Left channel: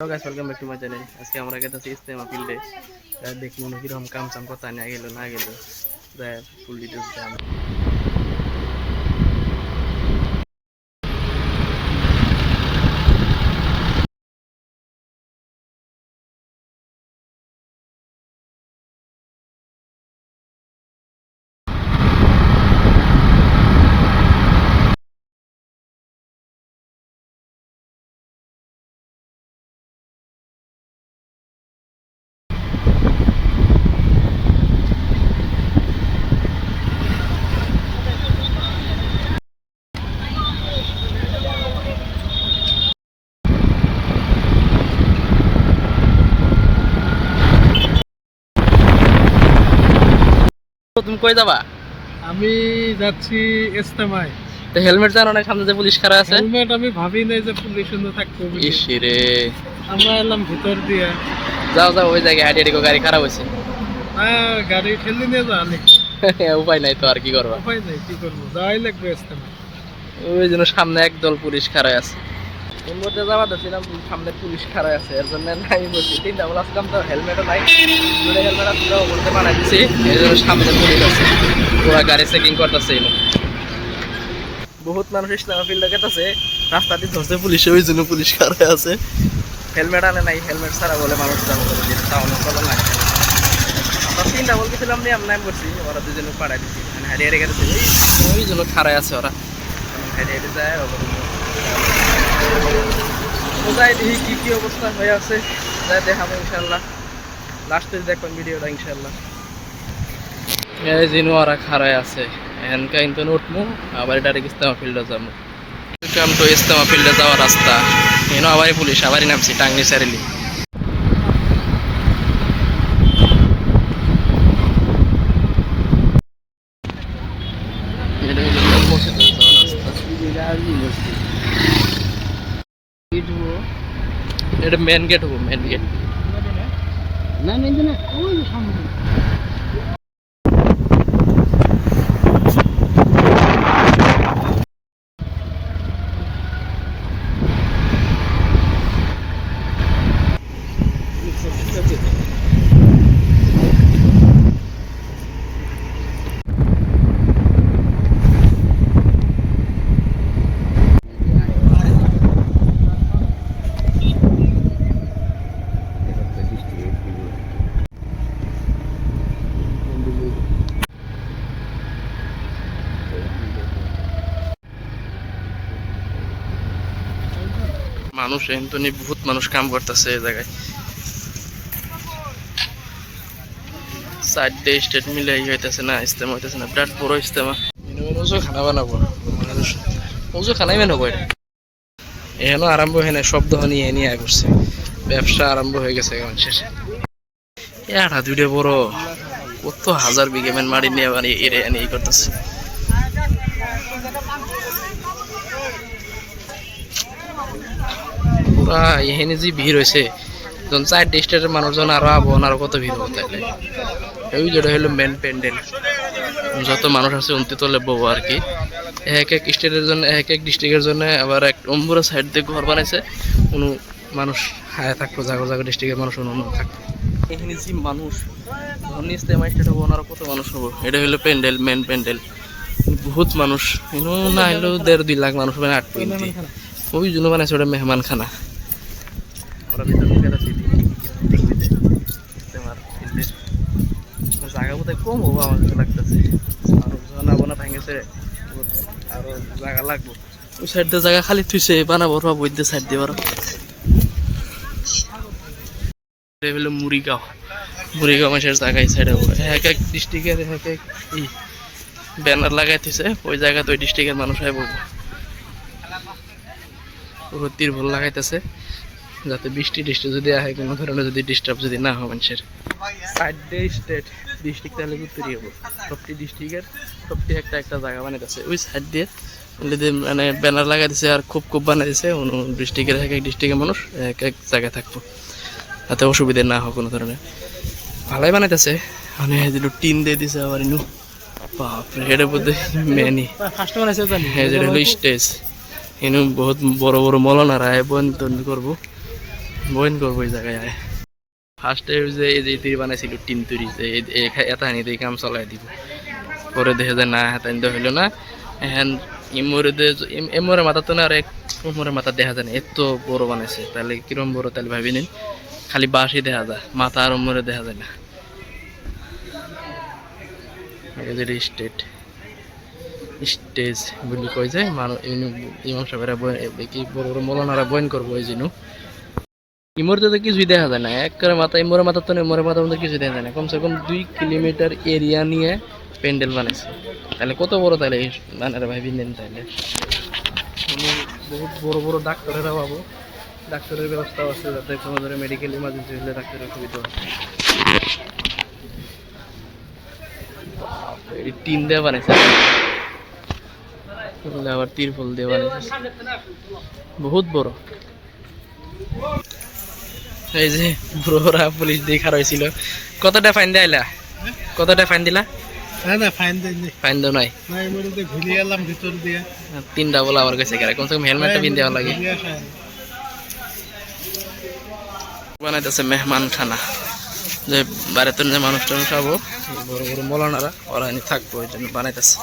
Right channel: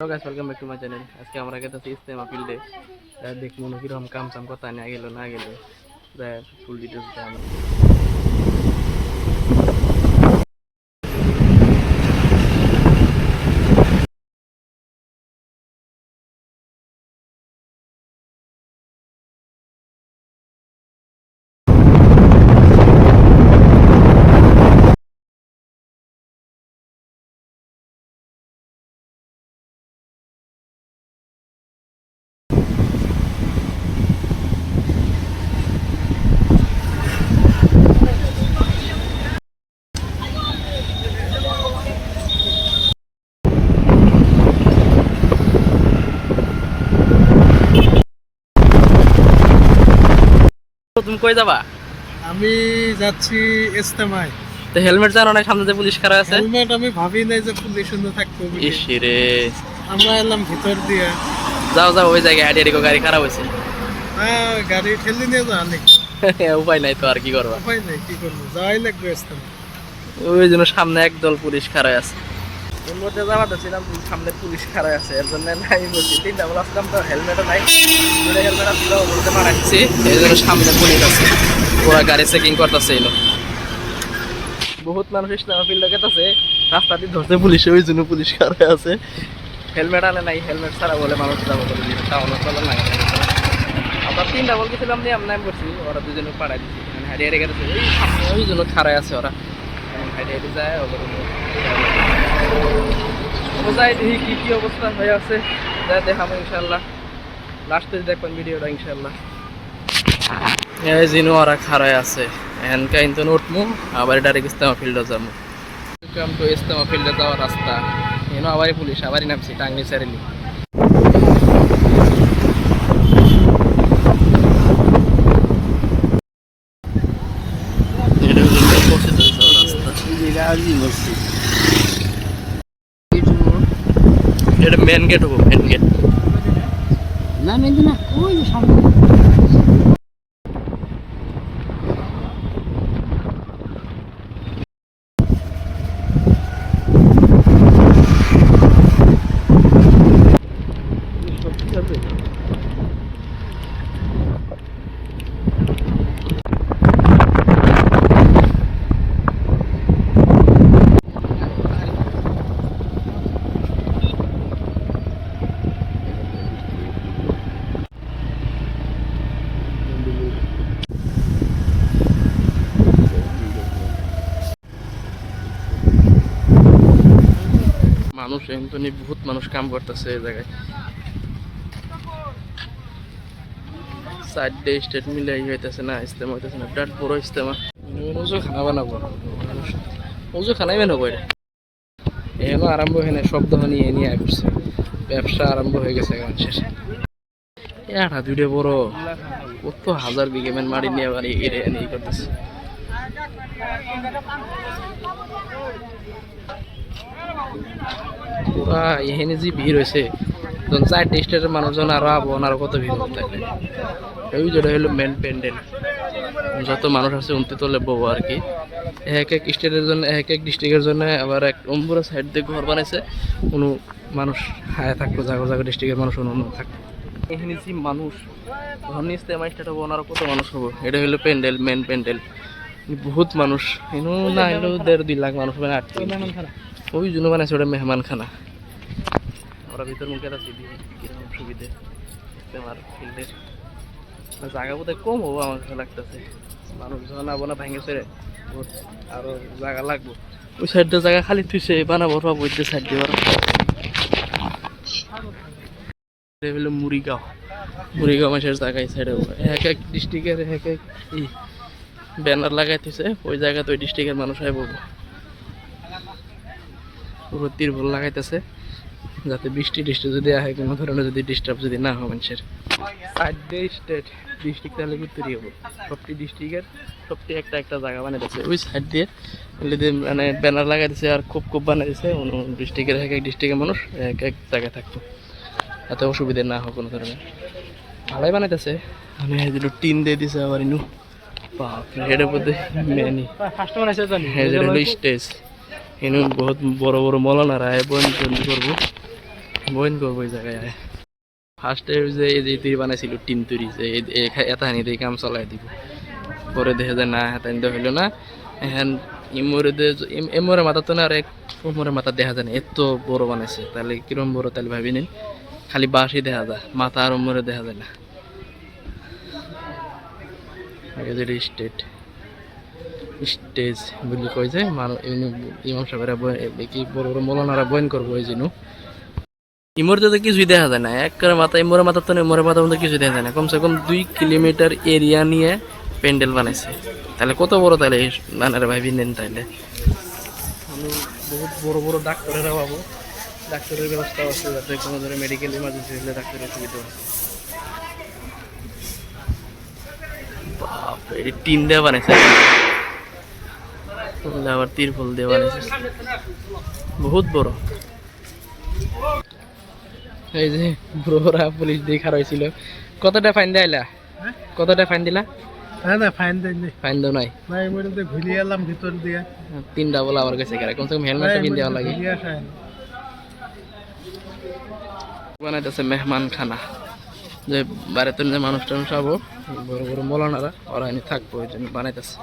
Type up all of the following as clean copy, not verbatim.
Hello guys, welcome back to my channel. আজকে আমরা গেছি ইস্তেমা ফিল্ডে। দেখবো কিরকম কাম চাম কথা নিয়ে গেল না গেল, ফুল ডিটেলস দেয় আমরা। তুমি কই যাবা? আমি যাচ্ছি ইস্তেমায়। তো হেলমেট জানো না, সামনে যে পুলিশ খাড়া আছে। হেলমেট আমি ভাবি নাই যে পুলিশ সুন্দর থাকবো। ইসিরে, আমরা এলাম ভিতর দিয়ে। যাও যাও, ওই জায়গায় আড়ি গাড়ি খারাপ হয়েছে। হ্যাঁ, গাড়ি ঠেলে নিয়ে যা অনেক। উপায় নাই তো, আর কি করবা? উপায় নাই, কি করবো, যাওয়াই লাগবে ইস্তেমা। ওই জন্য সামনে একদল পুলিশ খাড়া আছে। এর মধ্যে যাওয়া ধরছিলাম, সামনে পুলিশ খাড়া আছে, এর জন্য নাই বলছি। তিনটা বলে আসলাম তো, হেলমেটও নাই, দুটো হেলমেট আসলে বলতে মানা দিচ্ছি। এই জন্য সামনে পুলিশ আছে, ওরা গাড়ি চেকিং করতেছে। বহুত মানুষ ইসলামা ফিল্ডে গেছে, রাস্তা দিয়ে ধরছে পুলিশে, ওই জন্য পুলিশ খাড়া আছে। হেলমেট আনে নাই, হেলমেট ছাড়া বলে মানুষ যাবো বলে টাউনে চলে না। আমরা তিনটা বল গেছিলাম নিয়ে নাম করছি, ওরা দুজনে পাড়াই দিচ্ছি, মানে হারিয়ে গেছে। ওই সামনে ওই জন্য খাড়াই আছে ওরা, হারিয়ে যায়। যাই দেখি কি কি অবস্থা হয়ে আছে, যাই দেখাবো ইনশাল্লাহ। লাস্টে দেখবেন ভিডিওটা ইনশাল্লাহ। এই জিনু ওরা খাড়াই আছে, এখানকার কিন্তু উঠবো, আবার ডাইরেক্ট ইস্তেমা ফিল্ডে যাবো। ওয়েলকাম টু ইস্তেমা ফিল্ডে যাওয়ার রাস্তা। এনো আবারই পুলিশ, আবারই নামছি টাঙ্গি সারিলি। এটা হলো মসজিদে যাওয়ার রাস্তা। এটা মেন গেট হবো, মেন গেট না, মেন না, ওই সামনে। মানুষ এমনি বহুত মানুষ কাম করতেছে এই জায়গায়। সাইডে স্টেট মিলে হইতেছে না, ইস্তেমা হইতেছে না, বিরাট বড় ইস্তেমা। ওজো খানা বানাবো, ওজো খানাই বানাবো। এটা এখনো আরম্ভ হয় না, শব্দ নিয়ে নিয়ে করছে, ব্যবসা আরম্ভ হয়ে গেছে মানুষের। এটা দুইটা বড়, কত হাজার বিঘে মেন মাটি নিয়ে বাড়ি এরে নিয়ে করতেছে। পুরা এখানে যে ভিড় হয়েছে, যখন 4 স্টেটের মানুষজন আরো আবহাওয়া আরো কত ভিড় হবো তাইলে। ওই যেটা হলো মেন প্যান্ডেল, যত মানুষ আছে উন্তি তলে বউ আর কি। এক এক স্টেটের জন্য, এক এক ডিস্ট্রিক্টের জন্য আবার এক অম্বুরা সাইড দিয়ে ঘর বানাইছে। কোনো মানুষ হায় থাকতো, জাগো জাগো ডিস্ট্রিক্টের মানুষ অন্য থাকতো। এখানে যে মানুষ ধর ইস্তেমা স্টেট হবো, আরো কত মানুষ হবো। এটা হলো প্যান্ডেল, মেন প্যান্ডেল। বহুত মানুষ এনো না হলেও 1.5-2 লাখ মানুষ মানে 8 ওই জন্য বানাইছে ওটা মেহমান খানা। আমরা ভিতর মুখে আছি, কিরকম সুবিধে ইস্তেমার ফিল্ডের। জায়গা বোধহয় কম হবো আমার কাছে লাগতেছে, মানুষ জানাবো না ভাঙেছে, আরো জায়গা লাগবো। ওই সাইড দিয়ে জায়গা খালি থুইছে, বানাবো ওই সাইড দিয়ে ওরা। হলো মুড়িগাঁও, মুড়িগাঁও মাসের জায়গা এই সাইডে এক এক ডিস্ট্রিক্টের এক এক ব্যানার লাগাই থুইছে, ওই জায়গাতে ওই ডিস্ট্রিক্টের মানুষ আই বলবো। পুরো তিরভল লাগাইতেছে যাতে বৃষ্টি যদি আহে কোনো ধরনের যদি ডিস্টার্ব যদি না হয় মানুষের। সাইড দিয়ে স্টেট ডিস্ট্রিক্ট তাহলে উত্তরই হবো, সবটি ডিস্ট্রিক্টের সবটি একটা একটা জায়গা বানিয়ে দিচ্ছে। ওই সাইড দিয়ে মানে ব্যানার লাগাই দিচ্ছে, আর খুব বানাই দিচ্ছে। অন্য ডিস্ট্রিক্টের এক এক ডিস্ট্রিক্টের মানুষ এক এক জায়গায় থাকবো, যাতে অসুবিধা না হয় কোনো ধরনের। ভালোই বানাইতেছে, মানে টিন দিয়ে দিছে আবার ইনু বাপরে। এটার মধ্যে মেনি হলো স্টেজ, এনু বহুত বড় বড় মৌলানারা বন্দি করবো। বইন করবো এই জায়গায়। ফার্স্টে যে এই যে তৈরি বানাইছিল টিন তৈরি যে এতাহানি দিয়ে কাম চলাই দিব, পরে দেখে যে না হাতানি তো হইলো না। এখন ইমরে মাথা তো না আর এক কোমরের মাথা দেখা যায় না, এত বড় বানাইছে। তাহলে কিরম বড় তাহলে ভাবি নিন, খালি বাঁশই দেখা যায়, মাথা আর উমরে দেখা যায় না। এদের স্টেজ বলি কই যায় মানুষ ইমাম সাহেবেরা কি বড় বড় মৌলানারা বয়ান করবো ওই জন্য। ইমোর তো কিছুই দেখা যায় না, এক করে মাথা ইমোরের মাথা তো ইমোরের মাথা মধ্যে কিছুই দেখা যায় না। কমসে কম 2 কিলোমিটার এরিয়া নিয়ে প্যান্ডেল বানাইছে। তাহলে কত বড় তাহলে বানারে ভাই বিনেন। তাইলে বহুত বড় বড় ডাক্তারেরা পাবো, ডাক্তারের ব্যবস্থা আছে যাতে কোনো ধরনের মেডিকেল ইমার্জেন্সি হলে ডাক্তারের সুবিধা হয়। বাপরে টিন দিয়ে বানাইছে, আবার তিরপল দিয়ে বানাইছে, বহুত বড়। এই যে বুড়োরা পুলিশ দিয়ে খারাপ হয়েছিল। কতটা ফাইন দেয়লা? কতটা ফাইন দিলা? না ফাইন দেয়নি, ফাইন দাও নাই? না এমনি তো ঘুরিয়ে এলাম ভিতর দিয়ে। 3টা বলা আমার কাছে কেন, কমসে কম হেলমেটটা পিন দেওয়া লাগে। বানাইতেছে মেহমান খানা, যে বাইরেতে যে মানুষ টানুষ আবো, বড় বড় মৌলানারা ওরা এনে থাকবো, ওই জন্য বানাইতেছে।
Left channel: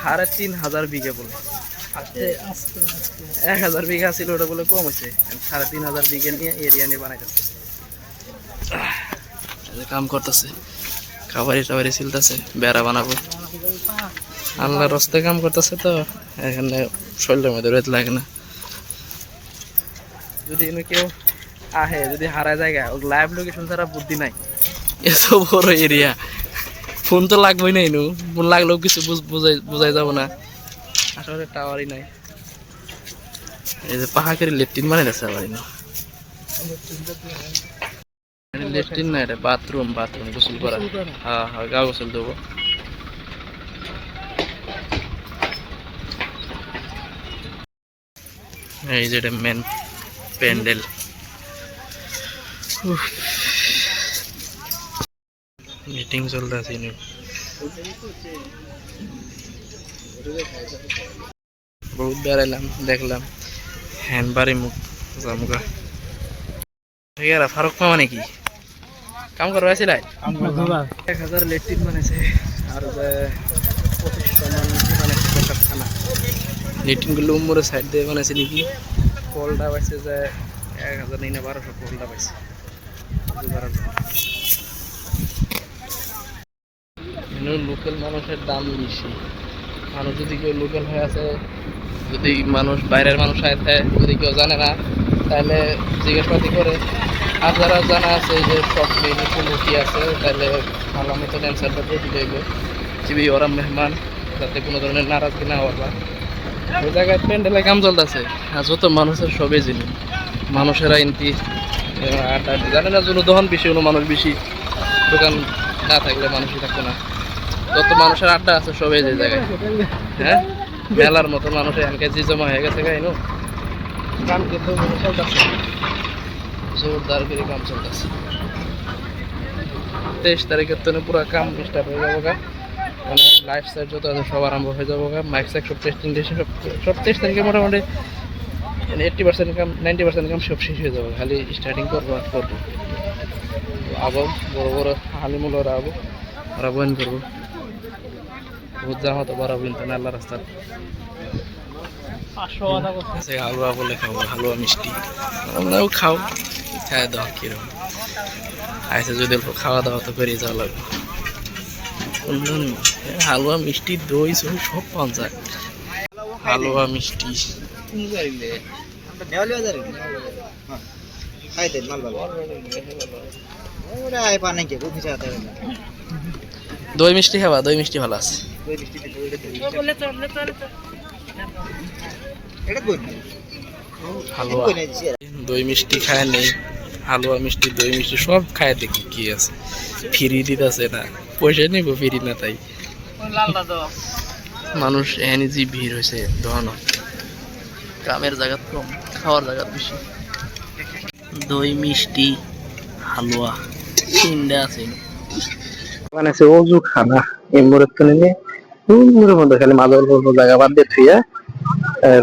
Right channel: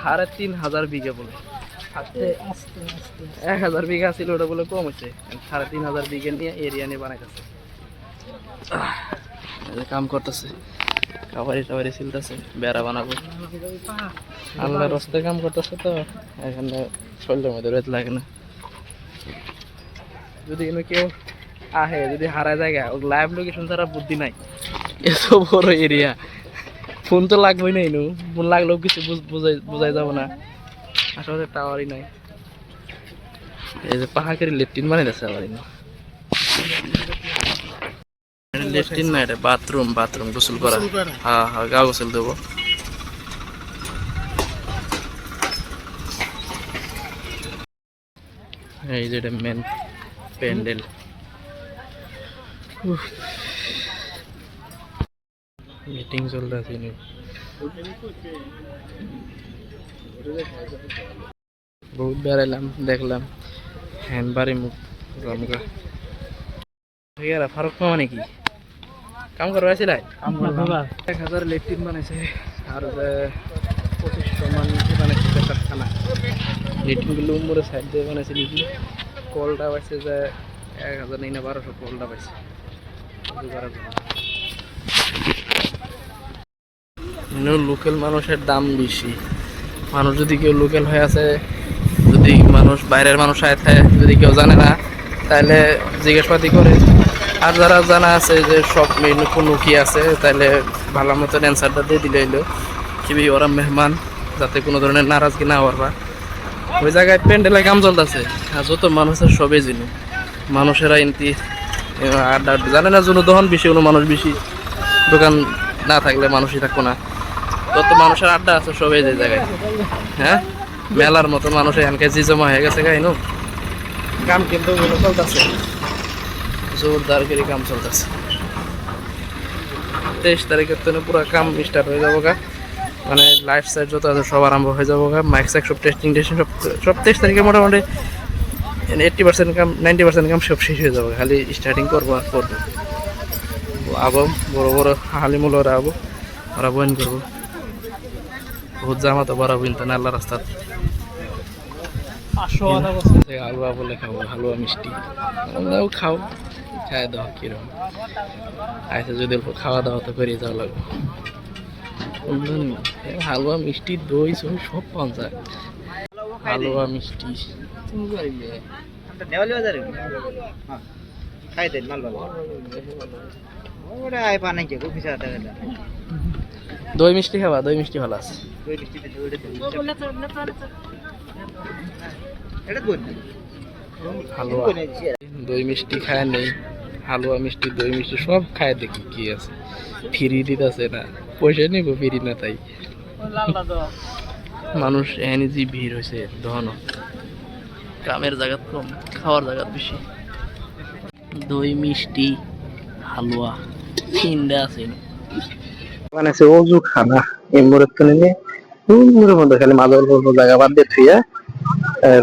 3,500 বিঘা বলে, 1000 বিঘা ছিল ওটা বলে কম হয়েছে, 3,500 বিঘা নিয়ে এরিয়া নিয়ে বানাইতেছে। কাম করতেছে, খাবারি টাবারি ছিলতেছে, বেড়া বানাবো। আল্লাহর রাস্তায় কাম করতেছে তো এখানে শরীরের মধ্যে রোদ লাগে না। যদি কেউ আহে, যদি হারা জায়গা লাইভ লোকেশন ছাড়া বুদ্ধি নাই, এত বড় এরিয়া ফোন তো লাগবেই না, ইনু ফোন লাগলেও কিছু বুঝাই যাব না, আসলে টাওয়ারই নাই। এই যে পাহাড়ের লেট্রিন বানাই দিচ্ছে আবার ইনু, লেট্রিন না এটা বাথরুম, বাথরুম গোসল করা। হ্যাঁ হ্যাঁ, গা গোসল দেবো। এই যে এটা মেন প্যান্ডেল। মিটিং চলতেছে, বহুত বেড়াইলাম, দেখলাম হ্যান্ডবারে মুখ জামুকা। ঠিক আছে, ফারুক মামা নাকি কাম করবা আসছিল? 1000 লেট্রিন বানাইছে, আর 2500 মান বানাইছে পেশাবখানা। লেট্রিনগুলো উম্মরে সাইড দিয়ে বানাইছে নাকি। কলটা পাইছে যে 1000 না 1200 কলটা পাইছে। লোকাল মানুষের দাম বেশি। মানুষ যদি কেউ লোকাল হয়ে আছে, যদি মানুষ বাইরের মানুষ আছে, যদি কেউ জানে না তাহলে জিজ্ঞাসাপাতি করে। আর যারা জানা আছে যে সব মেনু কোনো কি আছে, তাহলে ভালো মতন অ্যান্সারটা দিয়ে দিলে এলো কি ওরা মেহমান, যাতে কোনো ধরনের নারাজগি না হওয়ার। ওই জায়গায় প্যান্ডেলের কাম চলতেছে, আর যত মানুষের সবই জিনি মানুষেরা এনতি জানে না, জন্য দহন বেশি হলো মানুষ বেশি, দোকান না থাকলে মানুষই থাকবো না। যত মানুষের আড্ডা আছে সবাই যে জায়গায়, হ্যাঁ মেলার মতো মানুষ এখানকে জি জমা হয়ে গেছে গাইনো। কাম কিন্তু চলতেছে, জোরদার করে কাম চলতেছে। 23 তারিখের তো পুরো কাম স্টার্ট হয়ে যাবো গা, মানে লাইফ সাইড যত আছে সব আরম্ভ হয়ে যাবো গা। মাইক সাইক সব টেস্টিং সব 23 তারিখে মোটামুটি 80% কাম 90% কাম সব শেষ হয়ে যাবে, খালি স্টার্টিং করবো আর করবো। আবো বড় বড় হালিমুলরা আবো, ওরা বয়ান করবো। বহুত জামা তো বড় বিনতে না আল্লাহ রাস্তা। হালুয়া বলে খাবো, হালুয়া মিষ্টি আমরাও খাও, খাই দাও কিরকম আইসে, যদি অল্প খাওয়া দাওয়া তো করে যাওয়া লাগবে। হালুয়া মিষ্টি দই সই সব পাওয়া যায়। হালুয়া মিষ্টি দই মিষ্টি খাবা? দই মিষ্টি ভালো আছে। হালুয়া দই মিষ্টি খায় নেই, হালুয়া মিষ্টি দই মিষ্টি সব খায়, দেখি কি আছে। ফ্রি দিতেছে না, পয়সা নিব ফ্রি না, তাই মানুষ এখানে যে ভিড় হয়েছে দহন। কামের জায়গা কম, খাওয়ার জায়গা বেশি। দই মিষ্টি হালুয়া 3টা আছে বানাইছে। অজু খানা এমরের তো নেই, মধ্যে খালি মাঝে অল্প জায়গা বাদ দিয়ে থুইয়া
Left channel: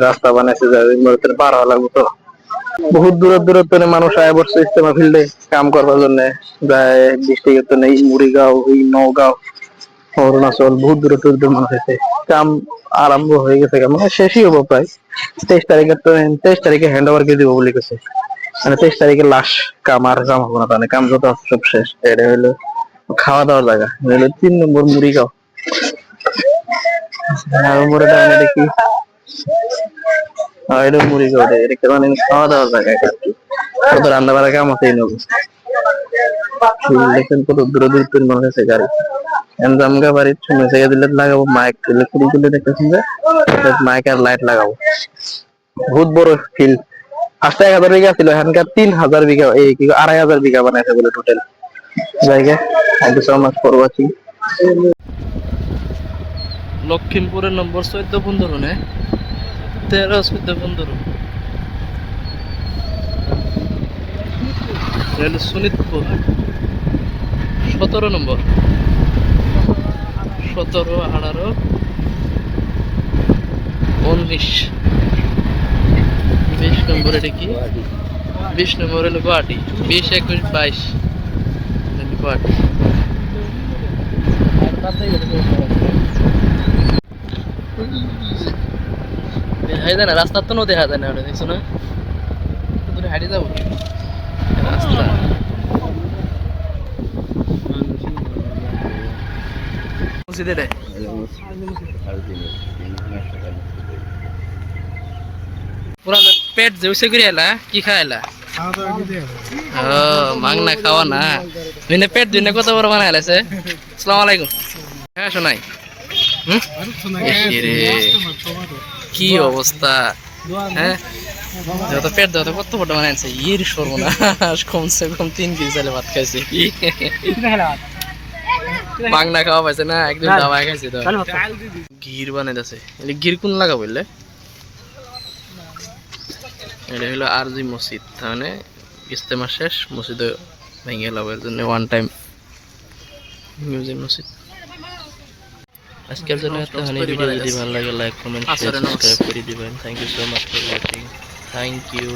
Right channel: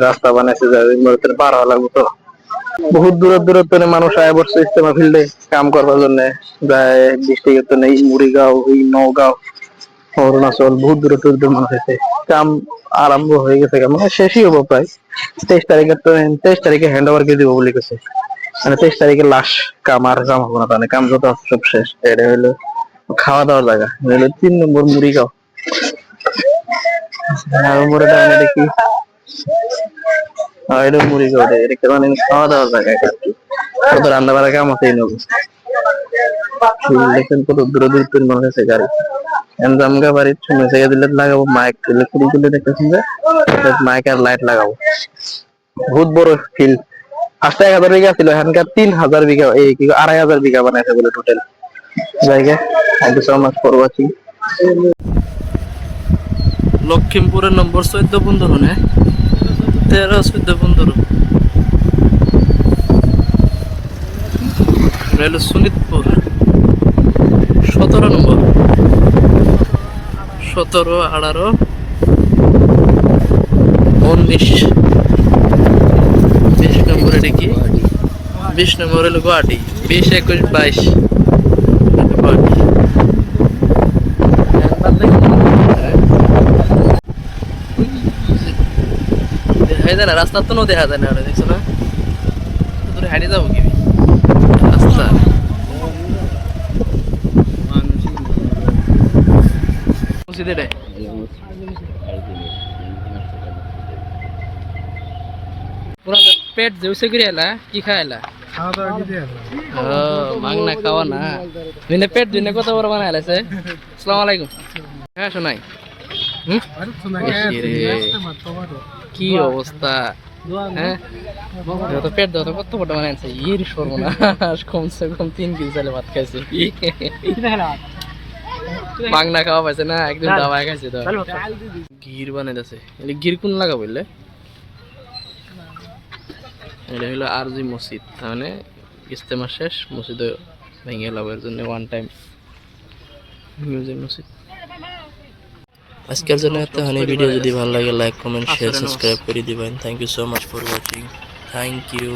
রাস্তা বানাইছে, এমরের পার হওয়া লাগবে তো বহুত দূরত্বের মানুষ আয় বসছে ইস্তেমা ফিল্ডে কাম করবার জন্য যায় ডিস্ট্রিক্ট নেই মুড়িগাঁও এই নওগাঁও অরুণাচল বহুত দূরত্বের মানুষ আছে কাম আরম্ভ হয়ে গেছে মানে শেষই হবো প্রায় 23 তারিখে তো 23 তারিখে হ্যান্ড ওভার দিয়ে দিব বলে গেছে মানে 23 তারিখে লাশ কাম আর কাম হবো না তাহলে কাম যত আছে সব শেষ এটা হলো খাওয়া দাওয়ার জায়গা হলো 3 নম্বর মুড়িগাঁও আর মোরে দেখি এটা মুড়িগাঁও এটা মানে খাওয়া দাওয়ার জায়গা কত রান্না বাড়া কাম আছে এই নবী দেখেন কত দূরত্বের মানুষ আছে গাড়ি জামগা বাড়ির শুনে জায়গা দিলে লাগাবো মাইক তুলে খুঁড়ি তুলে দেখতেছেন যে মাইক আর লাইট লাগাবো বহুত বড় ফিল্ড 1000 বিঘা ছিল এখানকার 3000 বিঘা এই কি 2500 বিঘা বানাইছে বলে টোটাল জায়গা thank you so much for watching লক্ষিমপুরের নম্বর 14 হনে 13 রেল সুনিতপুর 17 নম্বর 17 18 19 20 নম্বর এটা কি 20 নম্বর হলো গুয়াহাটি 20 21 22 দেখা যায় না রাস্তা তো দেখা যায় না ওটা দেখছো না দূরে হারিয়ে যাবো কি রাস্তা পুরা পেট জেউসে করে এলা কি খাইলা খাওয়া দাওয়া কি দিয়ে মাংনা খাওয়া না দুইনে পেট দুইনে কত বড় বানাই লাইছে আসসালামু আলাইকুম হ্যাঁ শোনাই কি অবস্থা হ্যাঁ যত পেট যত কত বড় বানাইছে ইর সর্বনাশ কমসে কম 3 কেজি চালে ভাত খাইছে কি মাংনা খাওয়া পাইছে না একদম দাওয়া খাইছে তো ঘির বানাইতেছে এলে ঘির কোন লাগা বললে এটা হলো আরজি মসজিদ মানে ইস্তেমা শেষ মসজিদে ভেঙে গেল এর জন্য ওয়ান টাইম মিউজিক মসজিদ আজকের জন্য এতখানি ভিডিও যদি ভালো লাগে লাইক কমেন্ট শেয়ার সাবস্ক্রাইব করে দিবেন thank you so much for watching thank you